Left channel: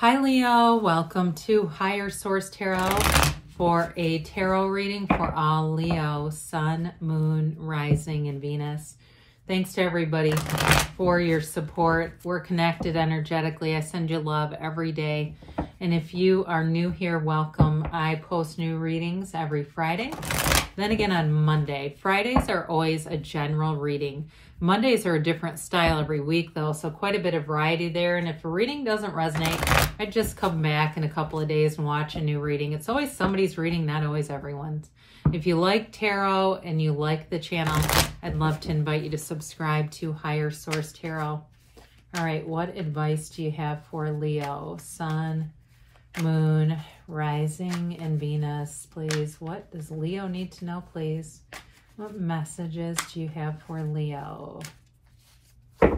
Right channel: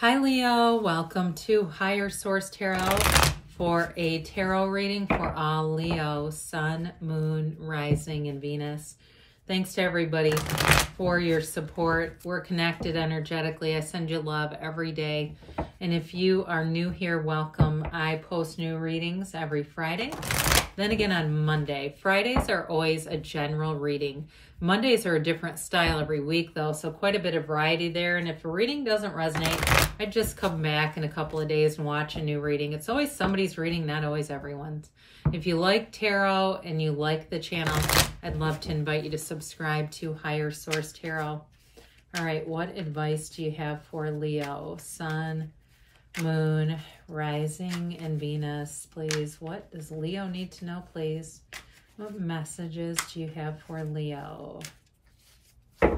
Hi Leo, welcome to Higher Source Tarot for a tarot reading for all Leo, Sun, Moon, Rising, and Venus. Thanks to everybody for your support. We're connected energetically. I send you love every day. And if you are new here, welcome. I post new readings every Friday. Then again on Monday. Fridays are always a general reading. Mondays are a different style every week though, so quite a bit of variety there. And if a reading doesn't resonate, I just come back in a couple of days and watch a new reading. It's always somebody's reading, not always everyone's. If you like tarot and you like the channel, I'd love to invite you to subscribe to Higher Source Tarot. All right, what advice do you have for Leo? Sun, Moon, Rising, and Venus, please. What does Leo need to know, please? What messages do you have for Leo? All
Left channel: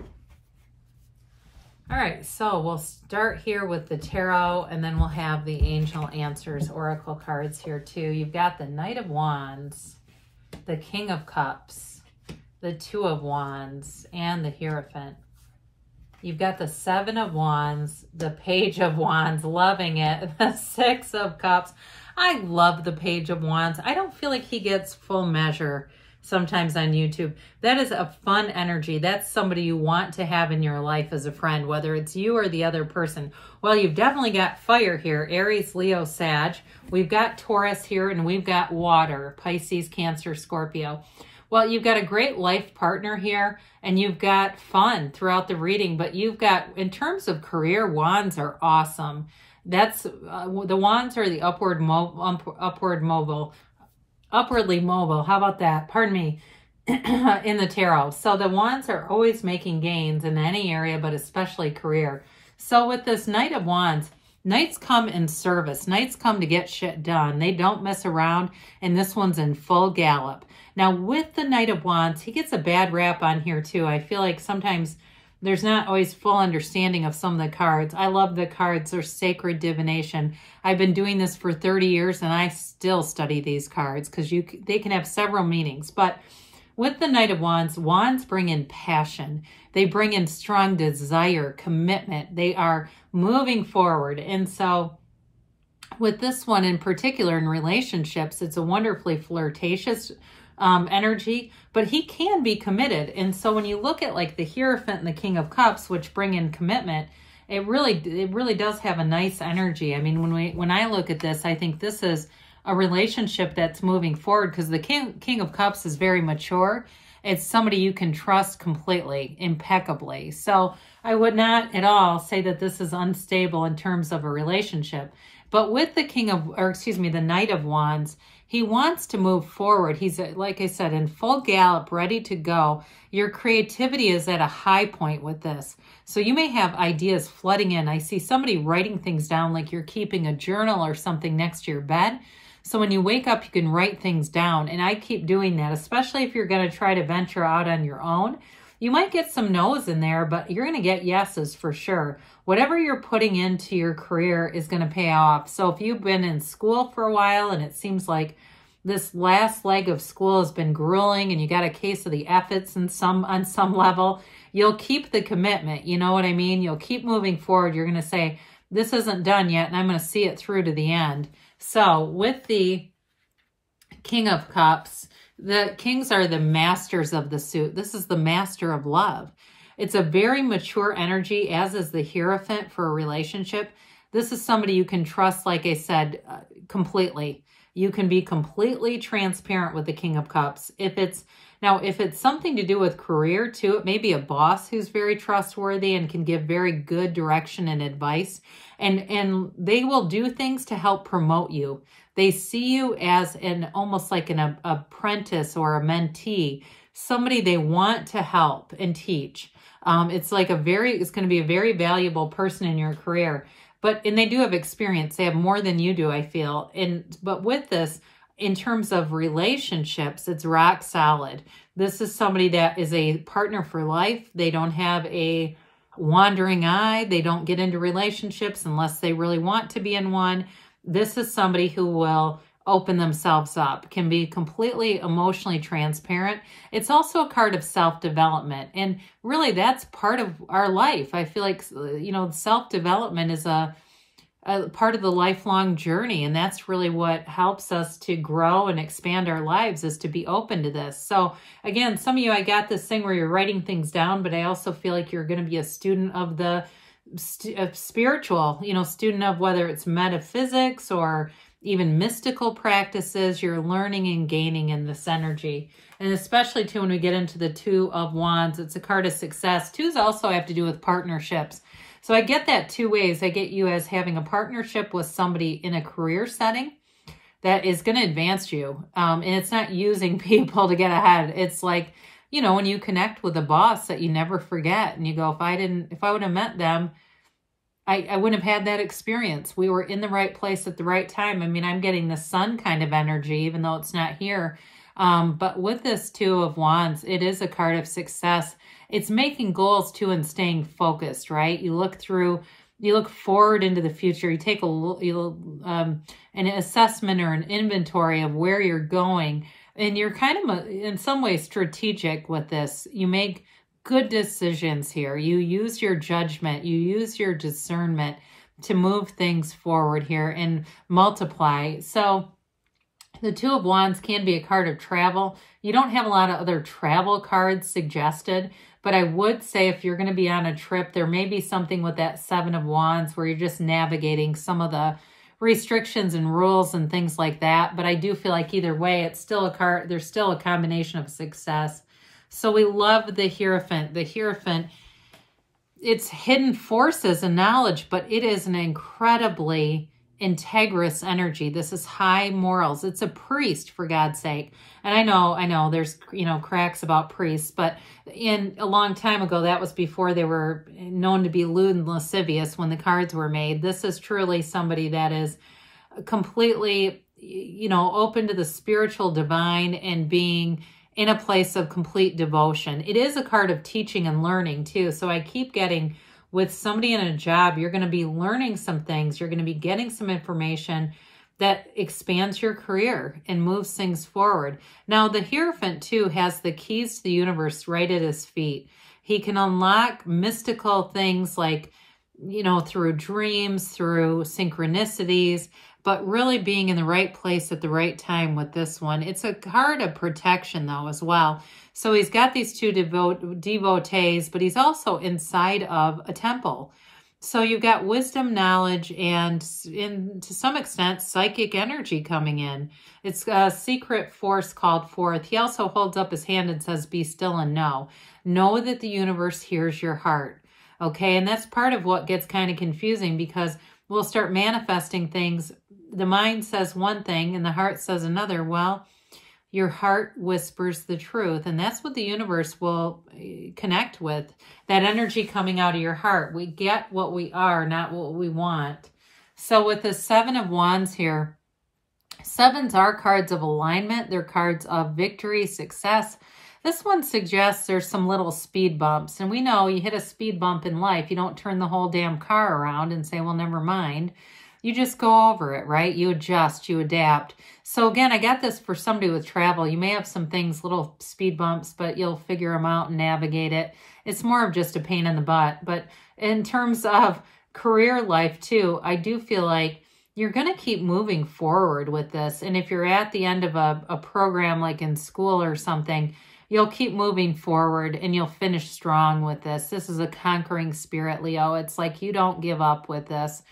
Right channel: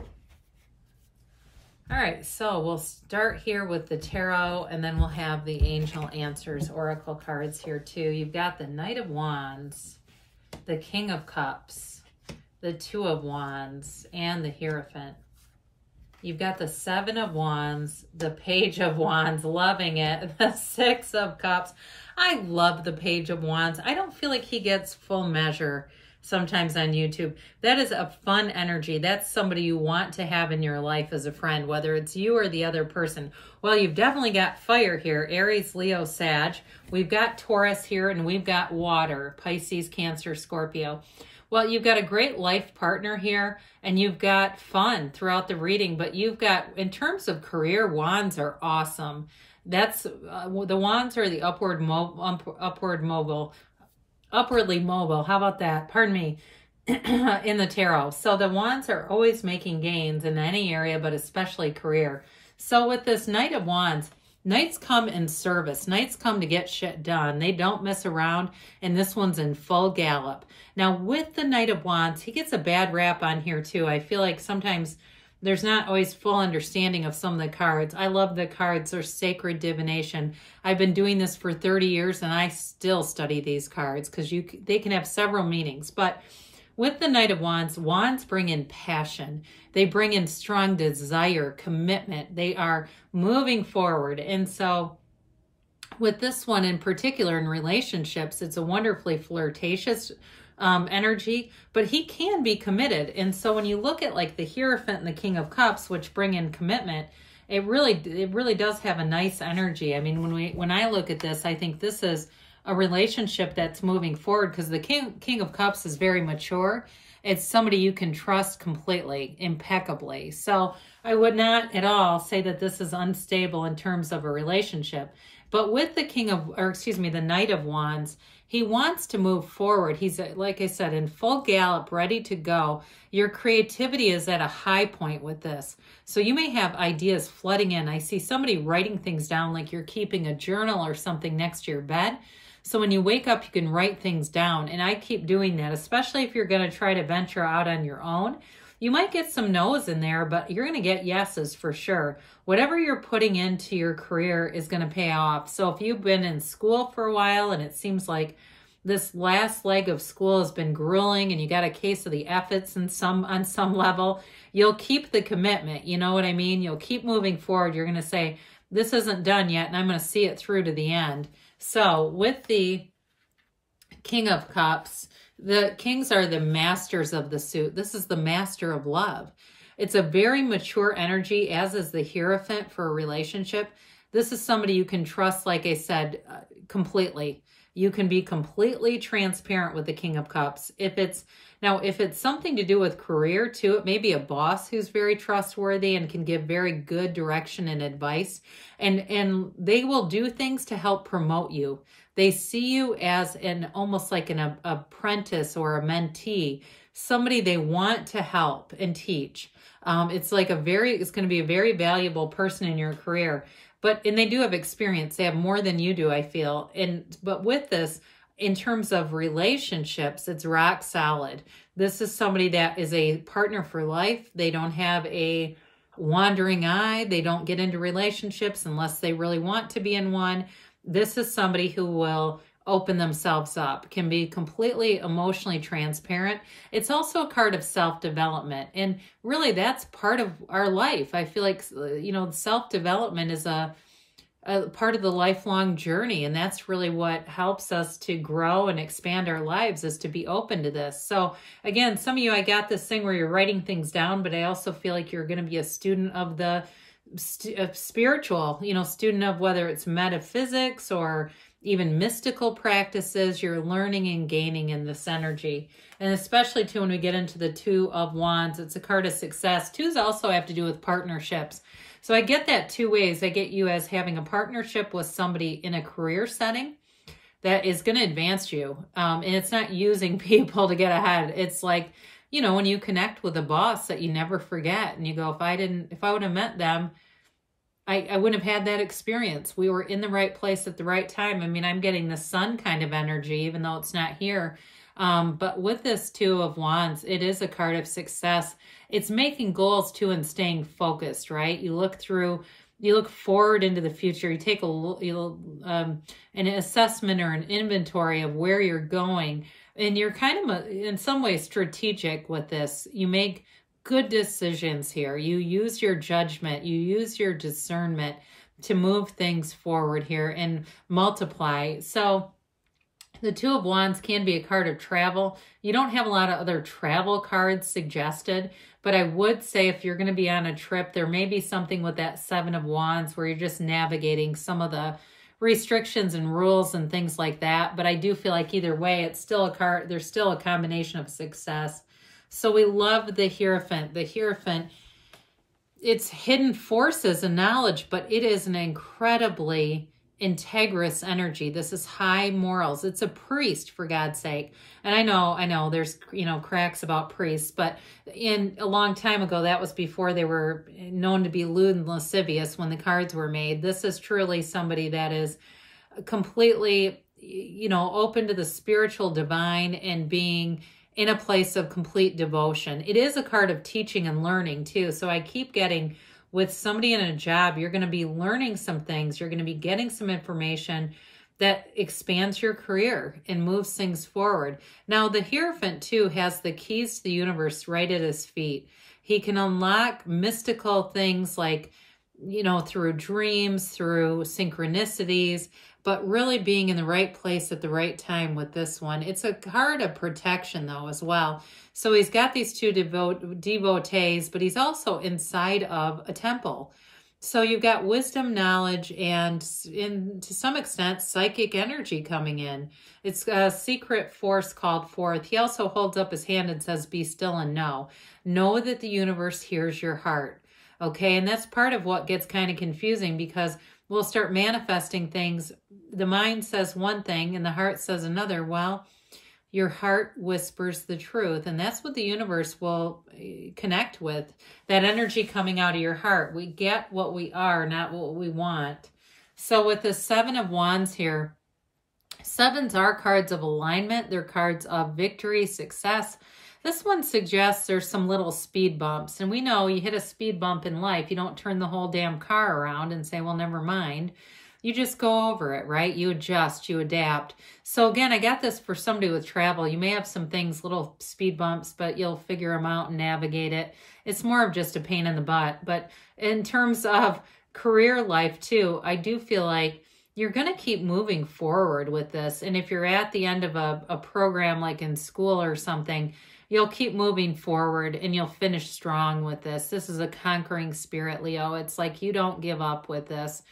right, so we'll start here with the tarot, and then we'll have the Angel Answers Oracle cards here too. You've got the Knight of Wands, the King of Cups, the Two of Wands, and the Hierophant. You've got the Seven of Wands, the Page of Wands, loving it, the Six of Cups. I love the Page of Wands. I don't feel like he gets full measure sometimes on YouTube. That is a fun energy. That's somebody you want to have in your life as a friend, whether it's you or the other person. Well, you've definitely got fire here, Aries, Leo, Sag. We've got Taurus here, and we've got water, Pisces, Cancer, Scorpio. Well, you've got a great life partner here, and you've got fun throughout the reading, but you've got, in terms of career, Wands are awesome. That's the Wands are the upwardly mobile. How about that? Pardon me. In the tarot. So the Wands are always making gains in any area, but especially career. So with this Knight of Wands, Knights come in service. Knights come to get shit done. They don't mess around, and this one's in full gallop. Now with the Knight of Wands, he gets a bad rap on here too. I feel like sometimes there's not always full understanding of some of the cards. I love the cards. They're sacred divination. I've been doing this for 30 years and I still study these cards because they can have several meanings. But with the Knight of Wands, Wands bring in passion. They bring in strong desire, commitment. They are moving forward. And so with this one in particular in relationships, it's a wonderfully flirtatious energy, but he can be committed. And so when you look at like the Hierophant and the King of Cups, which bring in commitment, it really does have a nice energy. I mean, when I look at this, I think this is a relationship that's moving forward because the King of Cups is very mature. It's somebody you can trust completely, impeccably. So I would not at all say that this is unstable in terms of a relationship. But with the the Knight of Wands, he wants to move forward. He's, like I said, in full gallop, ready to go. Your creativity is at a high point with this. So you may have ideas flooding in. I see somebody writing things down like you're keeping a journal or something next to your bed. So when you wake up, you can write things down. And I keep doing that, especially if you're going to try to venture out on your own. You might get some no's in there, but you're going to get yeses for sure. Whatever you're putting into your career is going to pay off. So if you've been in school for a while and it seems like this last leg of school has been grueling and you got a case of the efforts on some level, you'll keep the commitment. You know what I mean? You'll keep moving forward. You're going to say, this isn't done yet, and I'm going to see it through to the end. So with the King of Cups, the kings are the masters of the suit. This is the master of love. It's a very mature energy, as is the Hierophant for a relationship. This is somebody you can trust, like I said, completely. You can be completely transparent with the King of Cups. If it's something to do with career too, it may be a boss who's very trustworthy and can give very good direction and advice. And they will do things to help promote you. They see you as almost like an apprentice or a mentee, somebody they want to help and teach. It's going to be a very valuable person in your career. And they do have experience. They have more than you do, I feel. But with this, in terms of relationships, it's rock solid. This is somebody that is a partner for life. They don't have a wandering eye. They don't get into relationships unless they really want to be in one. This is somebody who will open themselves up, can be completely emotionally transparent. It's also a card of self-development. And really that's part of our life. I feel like, self-development is a part of the lifelong journey. And that's really what helps us to grow and expand our lives, is to be open to this. So again, some of you, I got this thing where you're writing things down, but I also feel like you're going to be a student of the spiritual, student of whether it's metaphysics or even mystical practices. You're learning and gaining in this energy. And especially too, when we get into the Two of Wands, it's a card of success. Twos also have to do with partnerships. So I get that two ways. I get you as having a partnership with somebody in a career setting that is going to advance you. And it's not using people to get ahead. It's like, when you connect with a boss that you never forget and you go, if I would have met them, I wouldn't have had that experience. We were in the right place at the right time. I mean, I'm getting the sun kind of energy, even though it's not here. But with this Two of Wands, it is a card of success. It's making goals too and staying focused, right? You look forward into the future. You take an assessment or an inventory of where you're going. And you're kind of, in some ways, strategic with this. You make good decisions here. You use your judgment. You use your discernment to move things forward here and multiply. So the Two of Wands can be a card of travel. You don't have a lot of other travel cards suggested, but I would say if you're going to be on a trip, there may be something with that Seven of Wands where you're just navigating some of the restrictions and rules and things like that. But I do feel like either way, it's still a card. There's still a combination of success. So we love the Hierophant. The Hierophant, it's hidden forces and knowledge, but it is an incredibly integrous energy. This is high morals. It's a priest, for God's sake. And I know there's, cracks about priests, but in a long time ago, that was before they were known to be lewd and lascivious when the cards were made. This is truly somebody that is completely, open to the spiritual divine and being in a place of complete devotion. It is a card of teaching and learning too. So I keep getting, with somebody in a job, you're going to be learning some things. You're going to be getting some information that expands your career and moves things forward. Now, the Hierophant, too, has the keys to the universe right at his feet. He can unlock mystical things like, through dreams, through synchronicities, but really being in the right place at the right time with this one. It's a card of protection, though, as well. So he's got these two devotees, but he's also inside of a temple. So you've got wisdom, knowledge, and to some extent, psychic energy coming in. It's a secret force called forth. He also holds up his hand and says, be still and know. Know that the universe hears your heart. Okay, and that's part of what gets kind of confusing, because we'll start manifesting things. The mind says one thing and the heart says another. Well, your heart whispers the truth, and that's what the universe will connect with, that energy coming out of your heart. We get what we are, not what we want. So with the Seven of Wands here, sevens are cards of alignment. They're cards of victory, success. This one suggests there's some little speed bumps, and we know you hit a speed bump in life. You don't turn the whole damn car around and say, well, never mind. You just go over it, right? You adjust, you adapt. So again, I got this for somebody with travel. You may have some things, little speed bumps, but you'll figure them out and navigate it. It's more of just a pain in the butt. But in terms of career life too, I do feel like you're going to keep moving forward with this. And if you're at the end of a program like in school or something, you'll keep moving forward and you'll finish strong with this. This is a conquering spirit, Leo. It's like you don't give up with this.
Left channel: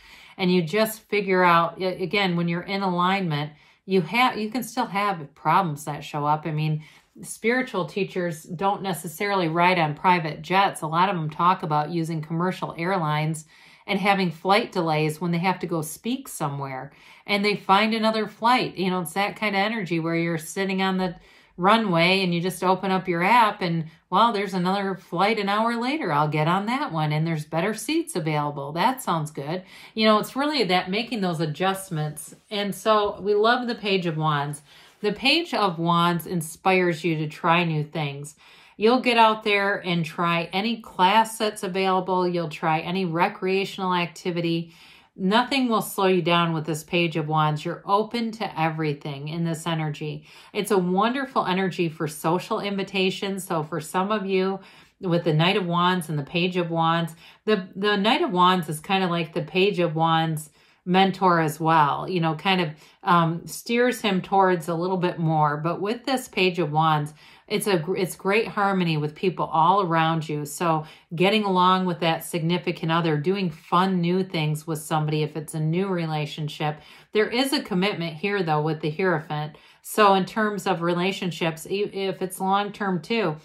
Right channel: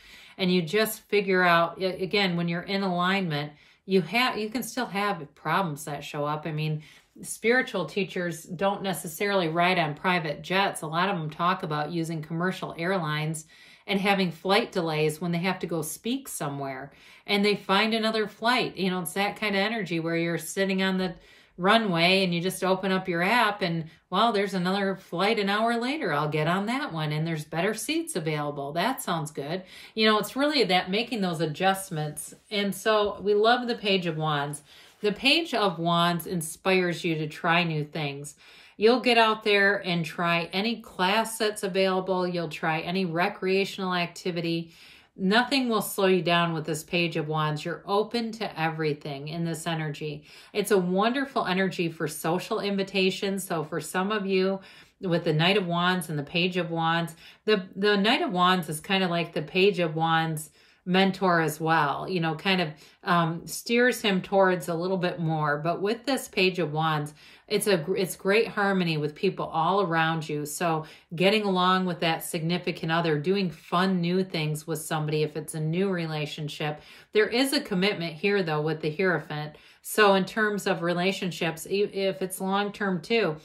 And you just figure out, again, when you're in alignment, you can still have problems that show up. I mean, spiritual teachers don't necessarily ride on private jets. A lot of them talk about using commercial airlines and having flight delays when they have to go speak somewhere. And they find another flight. It's that kind of energy where you're sitting on the runway and you just open up your app and, well, there's another flight an hour later. I'll get on that one and there's better seats available. That sounds good. It's really that making those adjustments. And so we love the Page of Wands. The Page of Wands inspires you to try new things. You'll get out there and try any class that's available. You'll try any recreational activity. Nothing will slow you down with this Page of Wands. You're open to everything in this energy. It's a wonderful energy for social invitations. So for some of you, with the Knight of Wands and the Page of Wands, the Knight of Wands is kind of like the Page of Wands mentor as well, you know, kind of steers him towards a little bit more. But with this Page of Wands, it's great harmony with people all around you. So getting along with that significant other, doing fun new things with somebody if it's a new relationship. There is a commitment here though with the Hierophant. So in terms of relationships, if it's long-term too,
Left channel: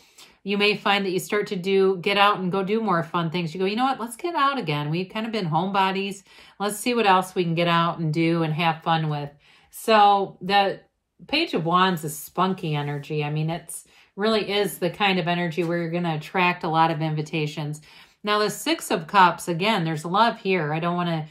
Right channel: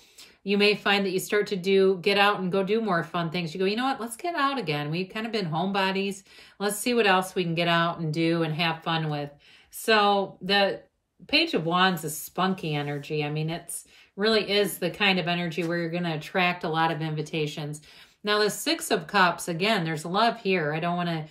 you may find that you start to get out and go do more fun things. You go, you know what, let's get out again. We've kind of been homebodies. Let's see what else we can get out and do and have fun with. So the Page of Wands is spunky energy. I mean, it's really is the kind of energy where you're going to attract a lot of invitations. Now the Six of Cups, again, there's love here. I don't want to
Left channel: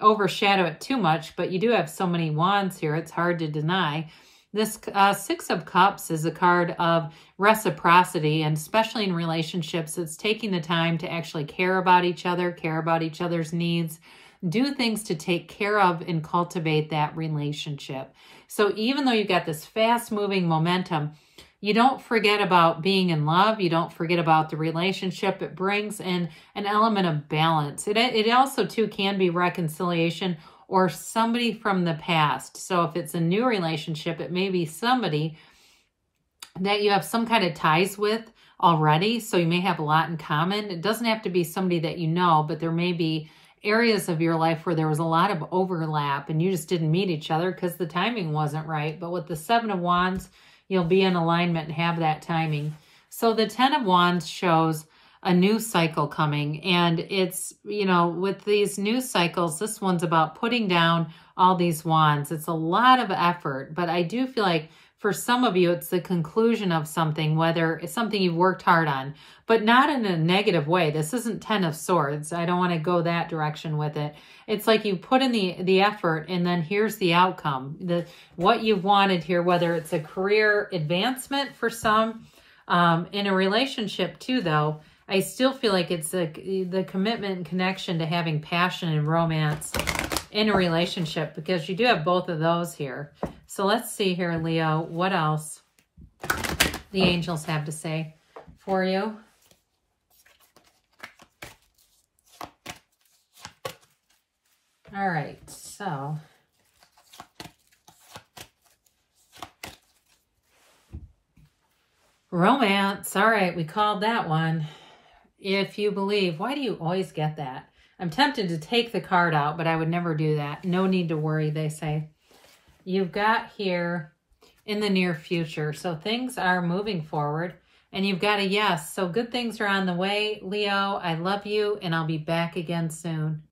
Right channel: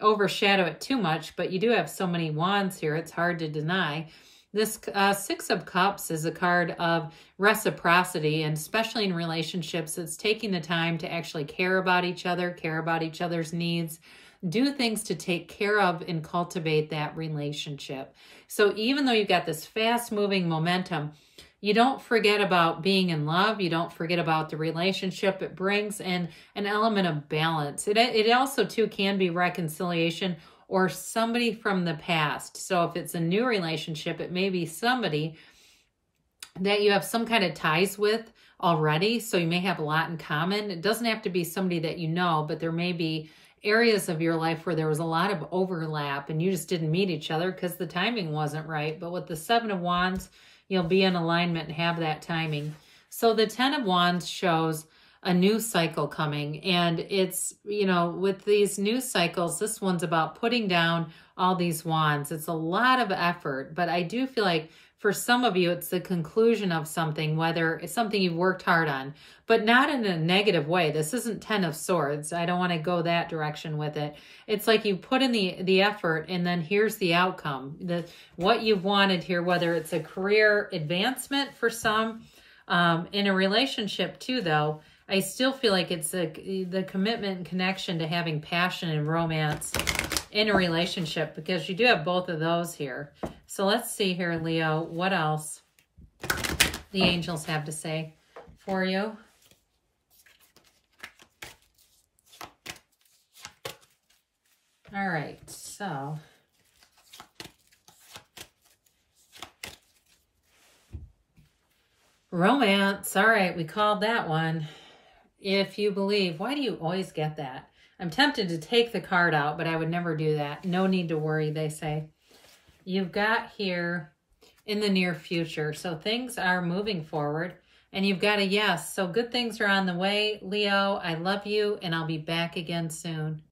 overshadow it too much, but you do have so many wands here. It's hard to deny. This Six of Cups is a card of reciprocity, and especially in relationships, it's taking the time to actually care about each other's needs, do things to take care of and cultivate that relationship. So even though you've got this fast-moving momentum, you don't forget about being in love. You don't forget about the relationship. It brings in an element of balance. It also, too, can be reconciliation or somebody from the past. So if it's a new relationship, it may be somebody that you have some kind of ties with already. So you may have a lot in common. It doesn't have to be somebody that you know, but there may be areas of your life where there was a lot of overlap and you just didn't meet each other because the timing wasn't right. But with the Seven of Wands, you'll be in alignment and have that timing. So the Ten of Wands shows a new cycle coming. And it's, you know, with these new cycles, this one's about putting down all these wands. It's a lot of effort, but I do feel like for some of you, it's the conclusion of something, whether it's something you've worked hard on, but not in a negative way. This isn't Ten of Swords. I don't want to go that direction with it. It's like you put in the effort and then here's the outcome. What you've wanted here, whether it's a career advancement for some, in a relationship too, though, I still feel like it's the commitment and connection to having passion and romance in a relationship, because you do have both of those here. So let's see here, Leo, what else the angels have to say for you. All right, so romance. All right, we called that one. If you believe, why do you always get that? I'm tempted to take the card out, but I would never do that. No need to worry, they say. You've got here in the near future. So things are moving forward and you've got a yes. So good things are on the way, Leo. I love you and I'll be back again soon.